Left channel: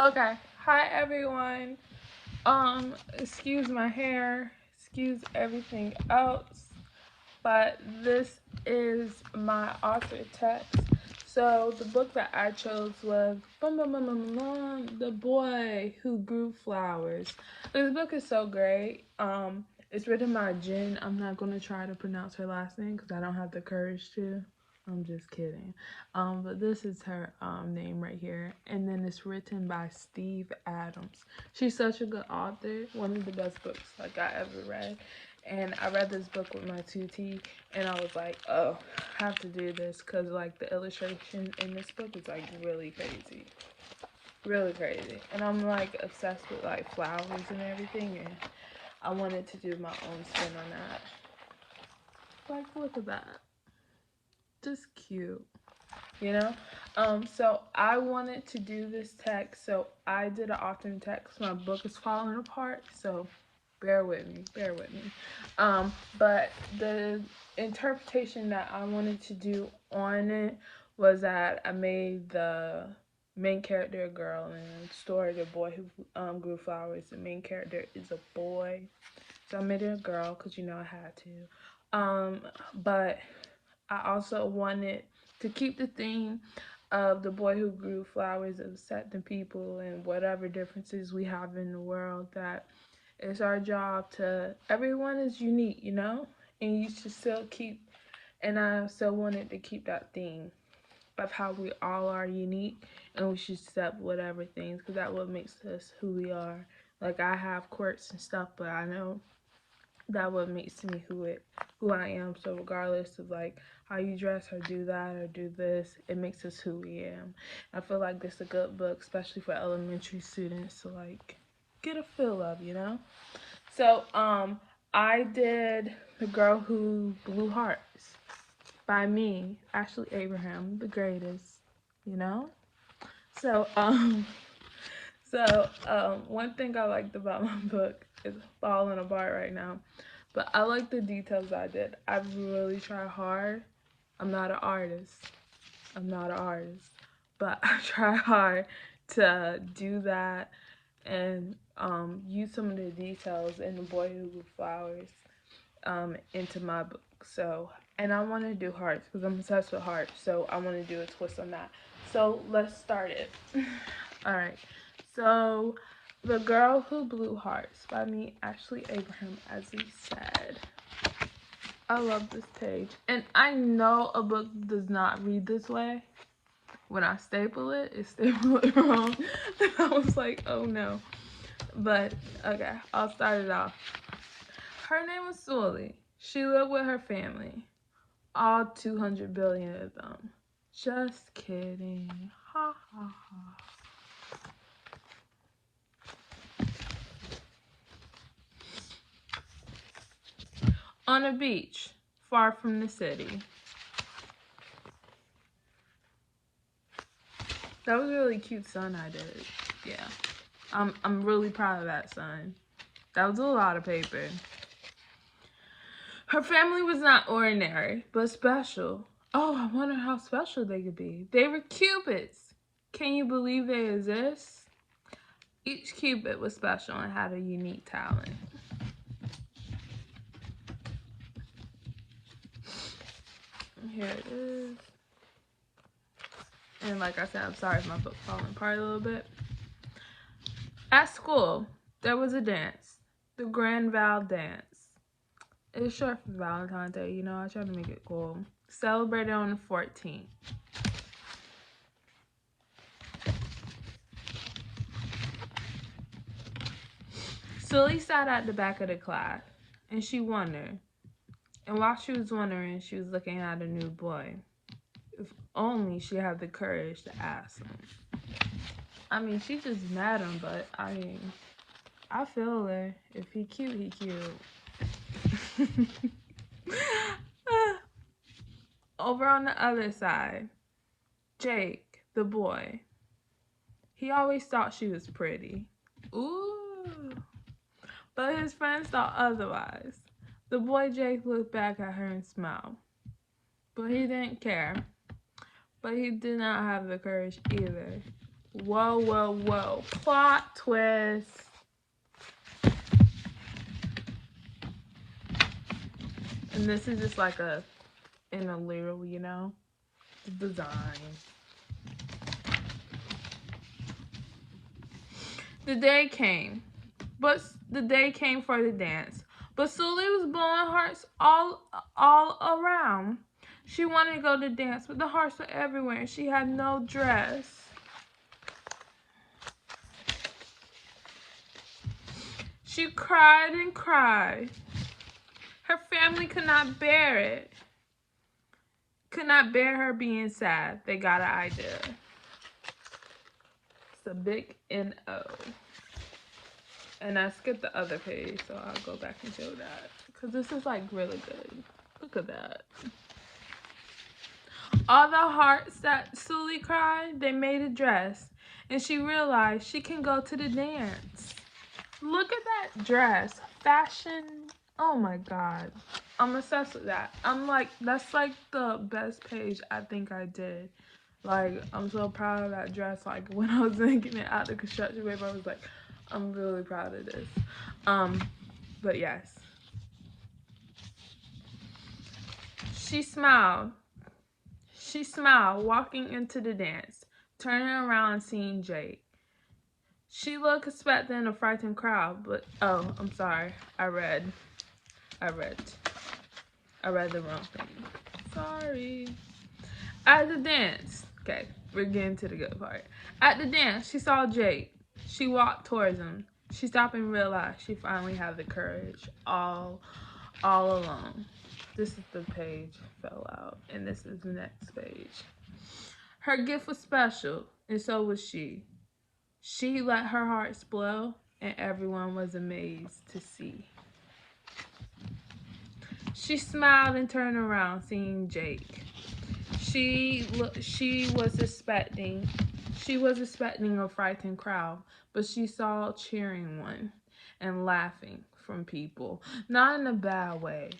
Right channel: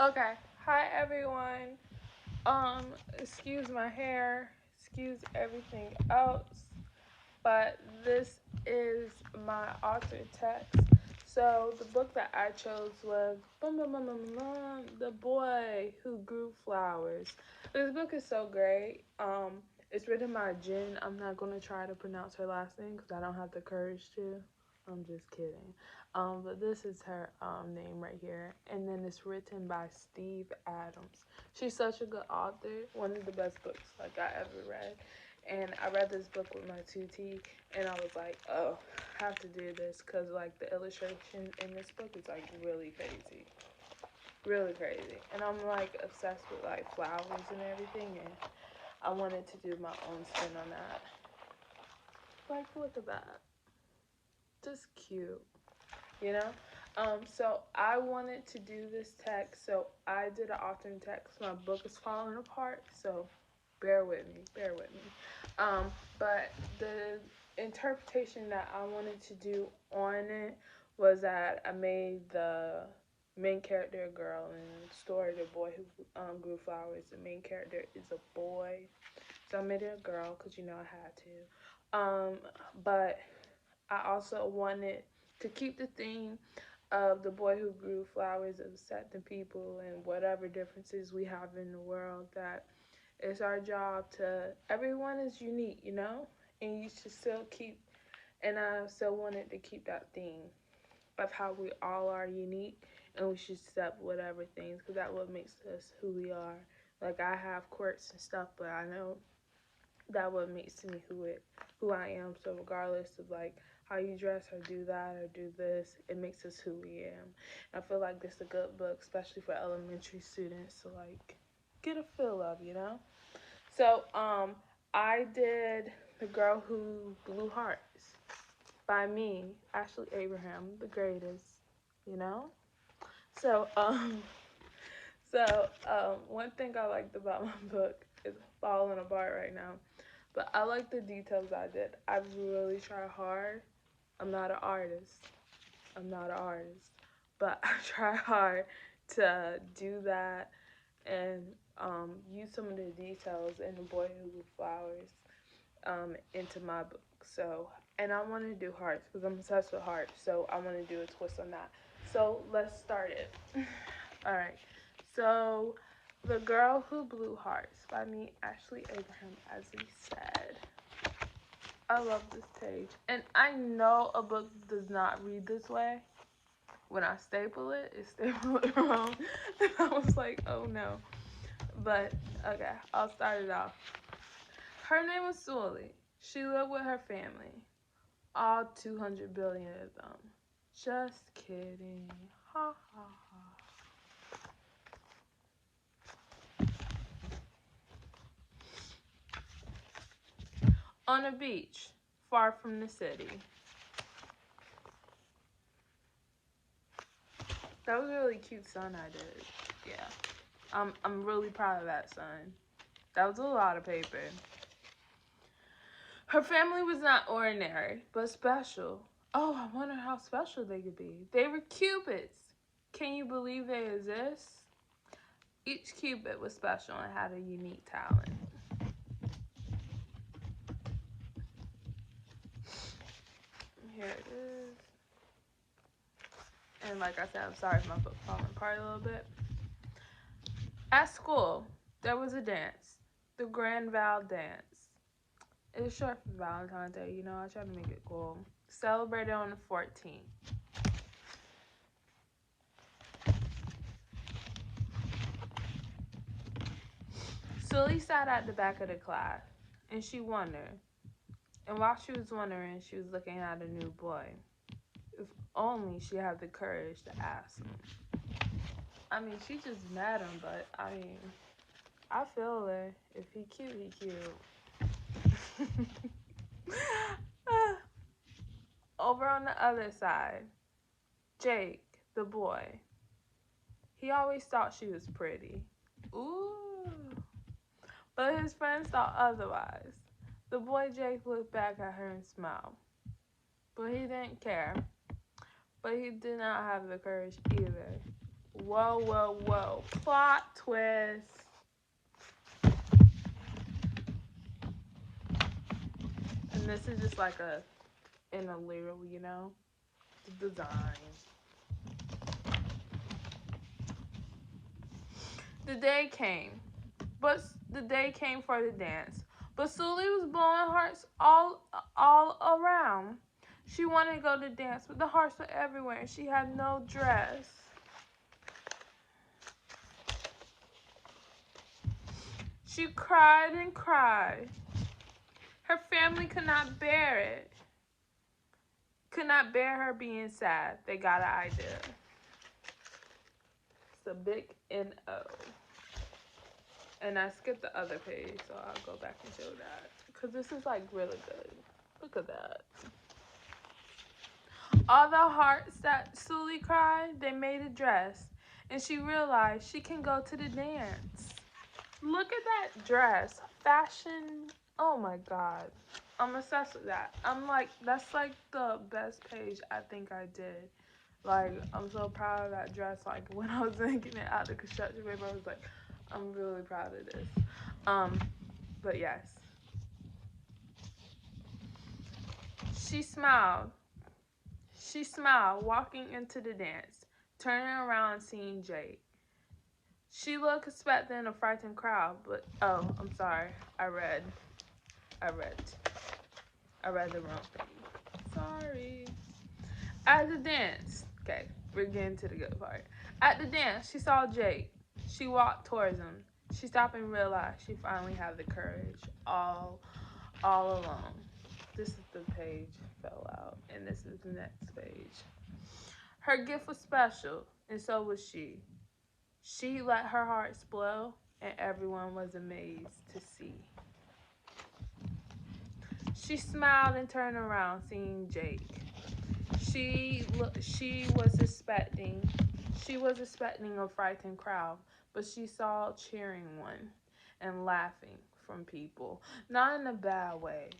Okay. Hi everyone. Excuse my hair, excuse everything else, but this is my author text. So the book that I chose was The Boy Who Grew Flowers. This book is so great. It's written by Jen. I'm not gonna try to pronounce her last name because I don't have the courage to. I'm just kidding. But this is her name right here, and then it's written by Steve Adams. She's such a good author. One of the best books like I ever read. And I read this book with my 2T, and I was like, oh, I have to do this because like the illustration in this book is like really crazy, really crazy. And I'm like obsessed with like flowers and everything, and I wanted to do my own spin on that. Like, look at that, just cute, you know. So I wanted to do this text, so I did an alternate text. My book is falling apart, so bear with me, bear with me. But the interpretation that I wanted to do on it was that I made the main character a girl, and the story the boy who grew flowers. The main character is a boy, so I made it a girl because you know I had to. But I also wanted to keep the theme of the boy who grew flowers, of accepting people and whatever differences we have in the world, that it's our job to, everyone is unique, you know? And you should still keep, and I still wanted to keep that theme of how we all are unique and we should accept whatever things because that what makes us who we are. Like I have quirks and stuff, but I know that what makes me who I am. So regardless of like how you dress or do that or do this, it makes us who we am. I feel like this is a good book, especially for elementary students to like get a feel of, you know? So I did The Girl Who Blew Hearts by me, Ashley Abraham, the greatest, you know? So one thing I liked about my book is falling apart right now. But I like the details I did. I really try hard. I'm not an artist. I'm not an artist. But I try hard to do that and use some of the details in The Boy Who Grew Flowers into my book. So, and I want to do hearts because I'm obsessed with hearts. So I want to do a twist on that. So let's start it. All right. So, The Girl Who Blew Hearts by me, Ashley Abraham, as we said. I love this page. And I know a book does not read this way. When I staple it, it's stapled wrong. I was like, oh no. But, okay, I'll start it off. Her name was Sully. She lived with her family. All 200 billion of them. Just kidding. Ha ha ha. On a beach, far from the city. That was a really cute sun I did. Yeah. I'm really proud of that sun. That was a lot of paper. Her family was not ordinary, but special. Oh, I wonder how special they could be. They were cupids. Can you believe they exist? Each cupid was special and had a unique talent. Here it is. And like I said, I'm sorry if my book falling apart a little bit. At school, there was a dance, the Grand Val dance. It's short for Valentine's Day, you know, I try to make it cool. Celebrated on the 14th. Sully sat at the back of the class, and she wondered. And while she was wondering, she was looking at a new boy. If only she had the courage to ask him. I mean, she just met him, but I feel her. If he cute, he cute. Over on the other side, Jake, the boy. He always thought she was pretty. Ooh. But his friends thought otherwise. The boy Jake looked back at her and smiled. But he didn't care. But he did not have the courage either. Whoa, whoa, whoa. Plot twist. And this is just like in a little, you know, design. The day came, but the day came for the dance. But Sully was blowing hearts all around. She wanted to go to dance, but the hearts were everywhere, and she had no dress. She cried and cried. Her family could not bear it. Could not bear her being sad. They got an idea. It's a big N-O. And I skipped the other page, so I'll go back and show that. Because this is like really good. Look at that. All the hearts that Sully cried, they made a dress. And she realized she can go to the dance. Look at that dress. Fashion. Oh my god. I'm obsessed with that. I'm like, that's like the best page I think I did. Like, I'm so proud of that dress. Like, when I was making it out the construction paper, I was like, I'm really proud of this. But yes. She smiled. She smiled, walking into the dance, turning around and seeing Jake. She looked expecting a frightened crowd, but oh, I'm sorry. I read the wrong thing. Sorry. At the dance, okay, we're getting to the good part. At the dance, she saw Jake. She walked towards him. She stopped and realized she finally had the courage all alone. This is the page fell out, and this is the next page. Her gift was special, and so was she. She let her heart explode, and everyone was amazed to see. She smiled and turned around, seeing Jake. She was expecting a frightened crowd, but she saw a cheering one and laughing from people. Not in a bad way.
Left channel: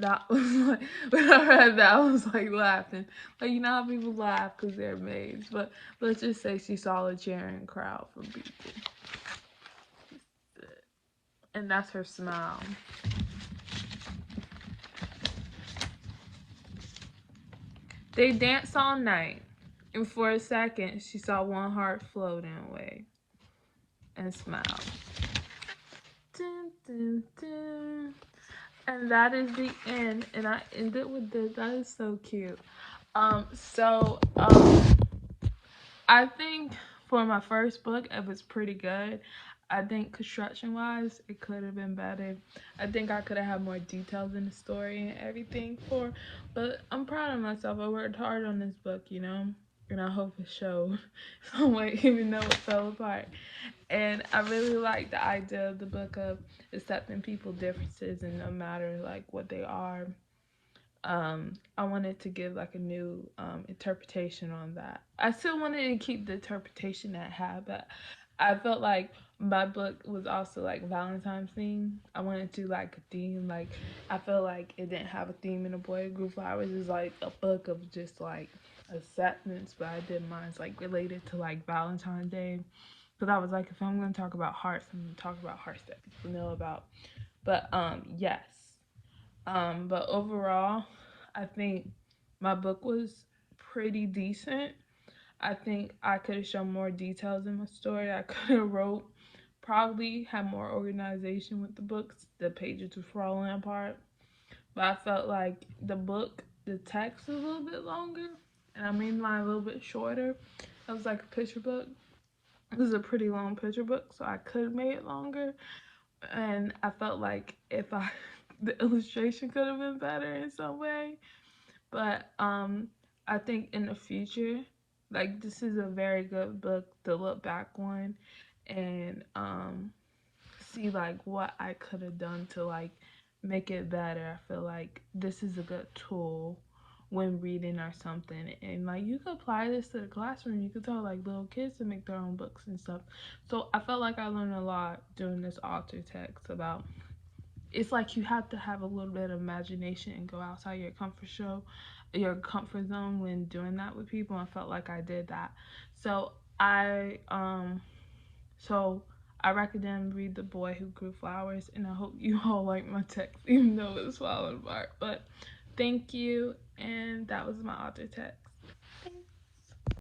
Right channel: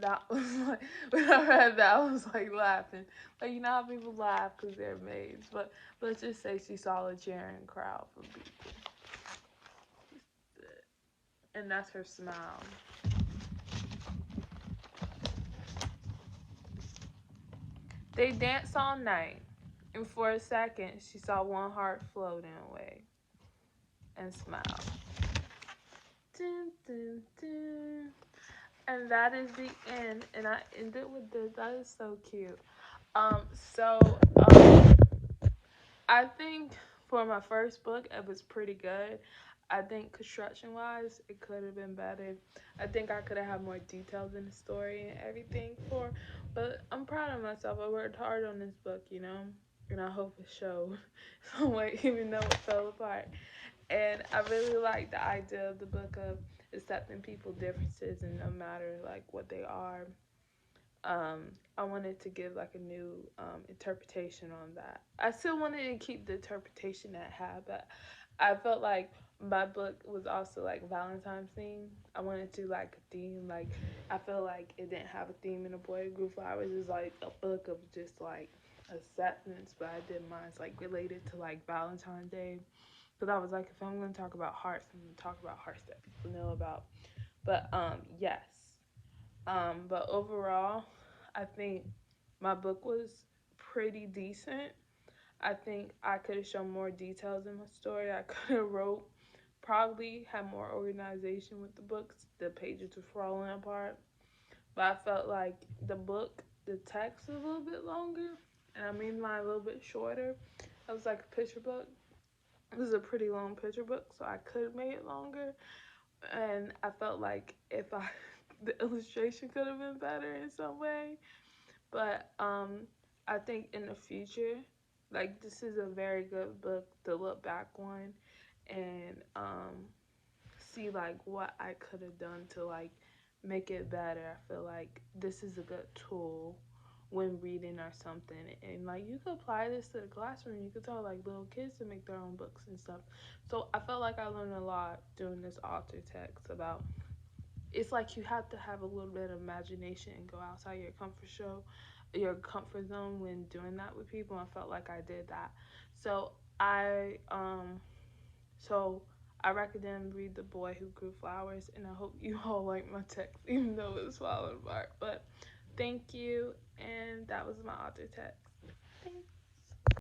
That was like, when I read that, I was like laughing. Like, you know how people laugh because they're amazed. But let's just say she saw a cheering crowd from people. And that's her smile. They danced all night, and for a second, she saw one heart floating away and smiled. Dun, dun, dun. And that is the end, and I ended with this. That is so cute. So I think for my first book, it was pretty good. I think construction-wise, it could have been better. I think I could have had more details in the story and everything but I'm proud of myself. I worked hard on this book, you know, and I hope it showed some way, even though it fell apart. And I really like the idea of the book of accepting people's differences and no matter like what they are. I wanted to give like a new interpretation on that. I still wanted to keep the interpretation that I had, but I felt like my book was also like Valentine's theme. I wanted to like a theme. Like I feel like it didn't have a theme in a boy group flowers. It was like a book of just like acceptance, but I did mine like related to like Valentine's Day. Because I was like, if I'm gonna talk about hearts, I'm gonna talk about hearts that people know about. But yes. But overall, I think my book was pretty decent. I think I could have shown more details in my story. I could have wrote, probably had more organization with the books. The pages were falling apart. But I felt like the text was a little bit longer. And I made mine a little bit shorter. It was like a picture book. This is a pretty long picture book, so I could have made it longer. And I felt like the illustration could have been better in some way. But I think in the future, like this is a very good book to look back on and see like what I could have done to like make it better. I feel like this is a good tool when reading or something, and like you could apply this to the classroom. You could tell like little kids to make their own books and stuff. So I felt like I learned a lot doing this author text about it's like you have to have a little bit of imagination and go outside your comfort zone when doing that with people. I felt like I did that. So So I recommend read The Boy Who Grew Flowers, and I hope you all like my text, even though it's falling apart. But thank you, and that was my author text.